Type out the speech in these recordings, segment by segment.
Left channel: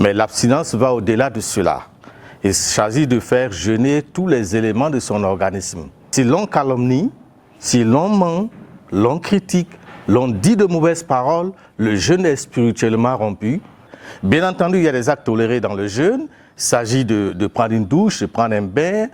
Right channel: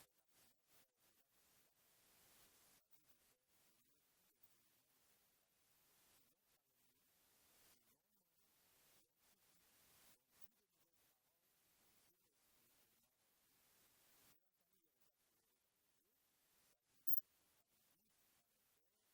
Mais l'abstinence va au-delà de cela. Il s'agit de faire jeûner tous les éléments de son organisme. Si l'on calomnie, si l'on ment, l'on critique, l'on dit de mauvaises paroles, le jeûne est spirituellement rompu. Bien entendu, il y a des actes tolérés dans le jeûne. Il s'agit de prendre une douche, de prendre un bain.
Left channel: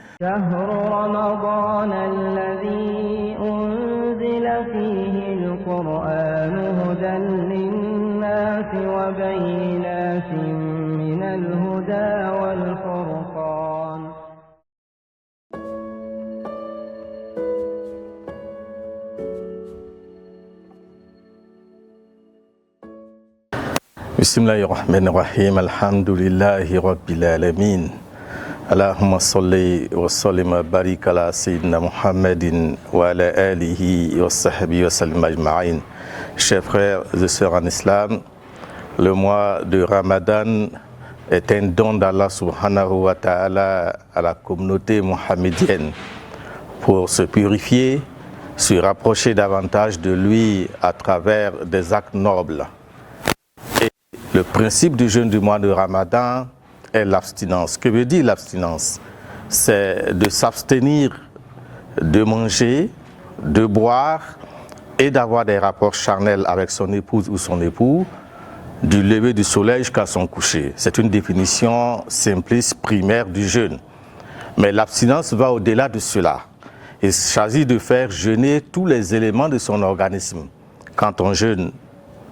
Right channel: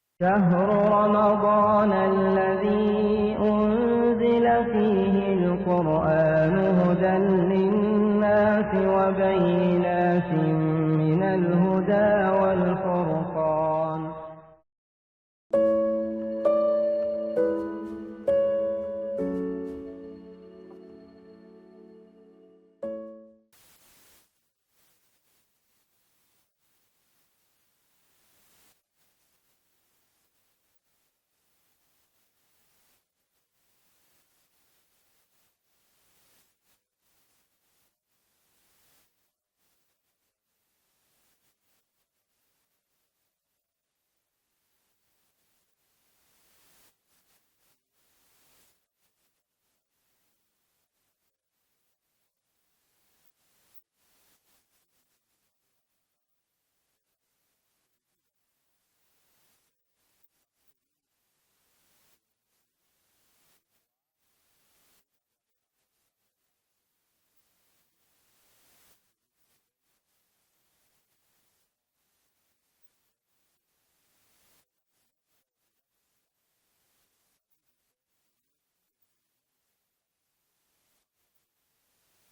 Bismillahirrahmanirrahim. Alhamdulillahi Rabbil Alamin. Allahumma salli wa sallim wa barik ala Sayyidina Muhammadin wa ala alihi wa sahbihi wa sallim ajma'in. Chers frères et sœurs en islam, le mois de Ramadan est un don d'Allah subhanahu wa ta'ala à la communauté mohammedienne pour se purifier, se rapprocher davantage de lui à travers des actes nobles. Le principe du jeûne du mois de Ramadan est l'abstinence. Que veut dire l'abstinence? C'est de s'abstenir de manger, de boire et d'avoir des rapports charnels avec son épouse ou son époux du lever du soleil jusqu'à son coucher. C'est une définition simpliste primaire du jeûne. Mais l'abstinence va au-delà de cela. Il s'agit de faire jeûner tous les éléments de son organisme. Quand on jeûne,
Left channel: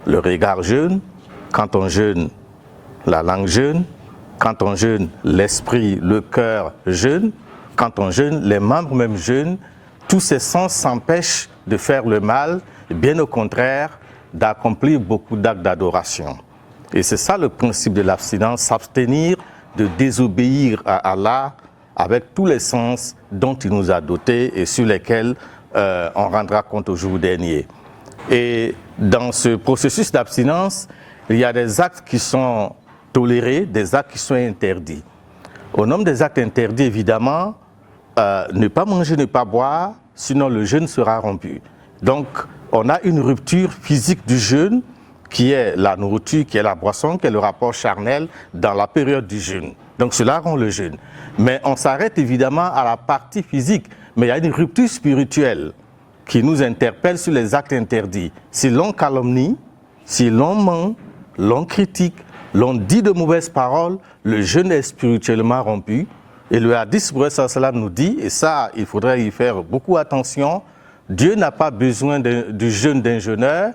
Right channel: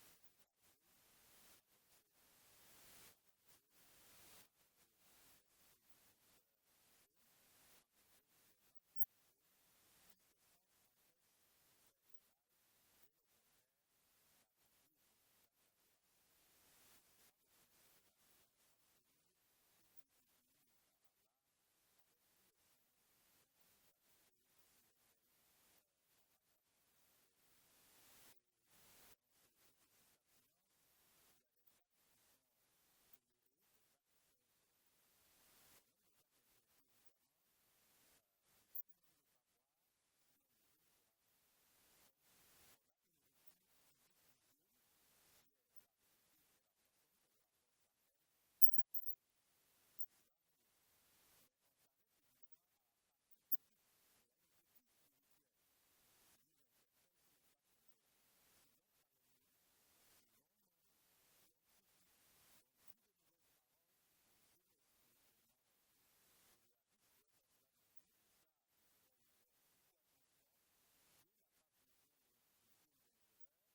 le regard jeûne. Quand on jeûne, la langue jeûne. Quand on jeûne, l'esprit, le cœur jeûne. Quand on jeûne, les membres même jeûnent. Tous ces sens s'empêchent de faire le mal, bien au contraire, d'accomplir beaucoup d'actes d'adoration. Et c'est ça le principe de l'abstinence, s'abstenir de désobéir à Allah avec tous les sens dont il nous a dotés et sur lesquels on rendra compte au jour dernier. Et dans ce processus d'abstinence, il y a des actes qui sont tolérés, des actes qui sont interdits. Au nombre des actes interdits, évidemment, ne pas manger, ne pas boire, sinon le jeûne sera rompu. Donc, on a une rupture physique du jeûne, qui est la nourriture, qui est la boisson, qui est le rapport charnel dans la période du jeûne. Donc, cela rend le jeûne. Mais on s'arrête évidemment à la partie physique, mais il y a une rupture spirituelle qui nous interpelle sur les actes interdits. Si l'on calomnie, si l'on ment, l'on critique, l'on dit de mauvaises paroles, le jeûne est spirituellement rompu. Et le hadith nous dit, et ça, il faudrait y faire beaucoup attention, Dieu n'a pas besoin du jeûne d'un jeûneur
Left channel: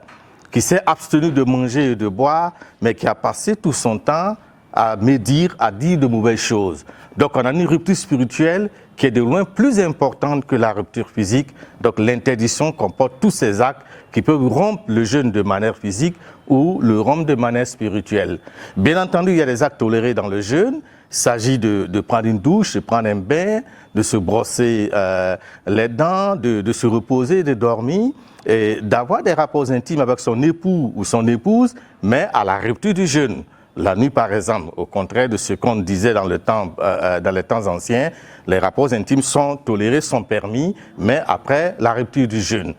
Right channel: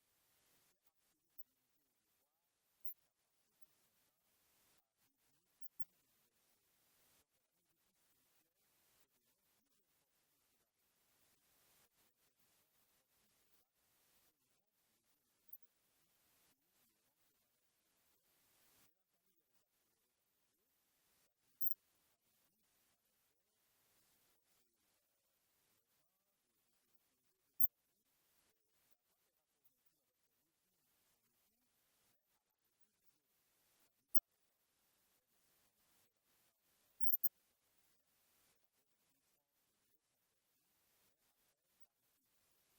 qui s'est abstenu de manger et de boire, mais qui a passé tout son temps à médire, à dire de mauvaises choses. Donc on a une rupture spirituelle qui est de loin plus importante que la rupture physique. Donc l'interdiction comporte tous ces actes qui peuvent rompre le jeûne de manière physique ou le rompre de manière spirituelle. Bien entendu, il y a des actes tolérés dans le jeûne. Il s'agit de prendre une douche, de prendre un bain, de se brosser les dents, de se reposer, de dormir, et d'avoir des rapports intimes avec son époux ou son épouse, mais à la rupture du jeûne. La nuit, par exemple, au contraire de ce qu'on disait dans les temps anciens, les rapports intimes sont tolérés, sont permis, mais après la rupture du jeûne.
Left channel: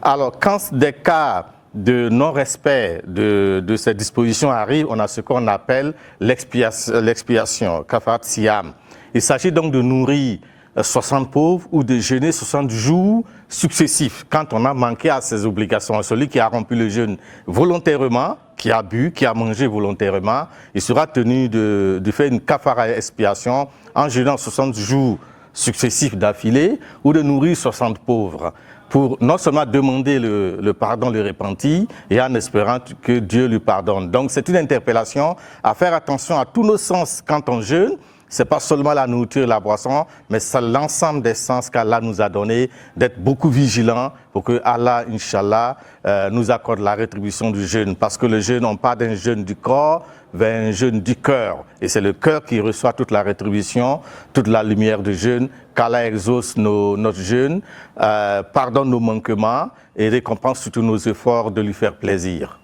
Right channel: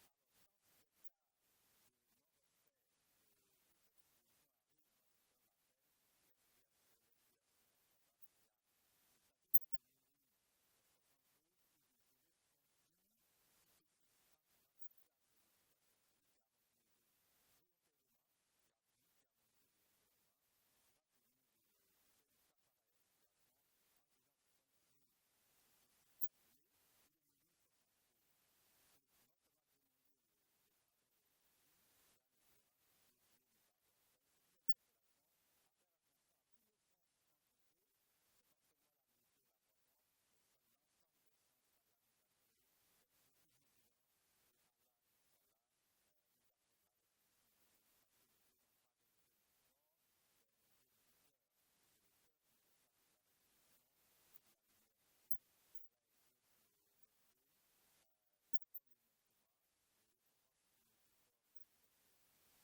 Alors, quand des cas de non-respect de ces dispositions arrivent, on a ce qu'on appelle l'expiation, kafarat siyam. Il s'agit donc de nourrir 60 pauvres ou de jeûner 60 jours successifs quand on a manqué à ses obligations. Celui qui a rompu le jeûne volontairement, qui a bu, qui a mangé volontairement, il sera tenu de faire une kafara expiation en jeûnant 60 jours successifs d'affilée ou de nourrir 60 pauvres pour non seulement demander le pardon, le repenti et en espérant que Dieu lui pardonne. Donc c'est une interpellation à faire attention à tous nos sens quand on jeûne. Ce n'est pas seulement la nourriture et la boisson, mais c'est l'ensemble des sens qu'Allah nous a donné, d'être beaucoup vigilants pour que Allah, Inch'Allah, nous accorde la rétribution du jeûne. Parce que le jeûne, on parle d'un jeûne du corps vers un jeûne du cœur. Et c'est le cœur qui reçoit toute la rétribution, toute la lumière du jeûne, qu'Allah exauce notre jeûne, pardonne nos manquements et récompense surtout nos efforts de lui faire plaisir.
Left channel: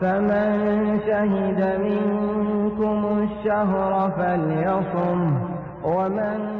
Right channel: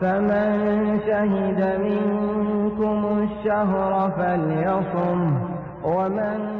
فمن شهد منكم الشهر فليصم ومن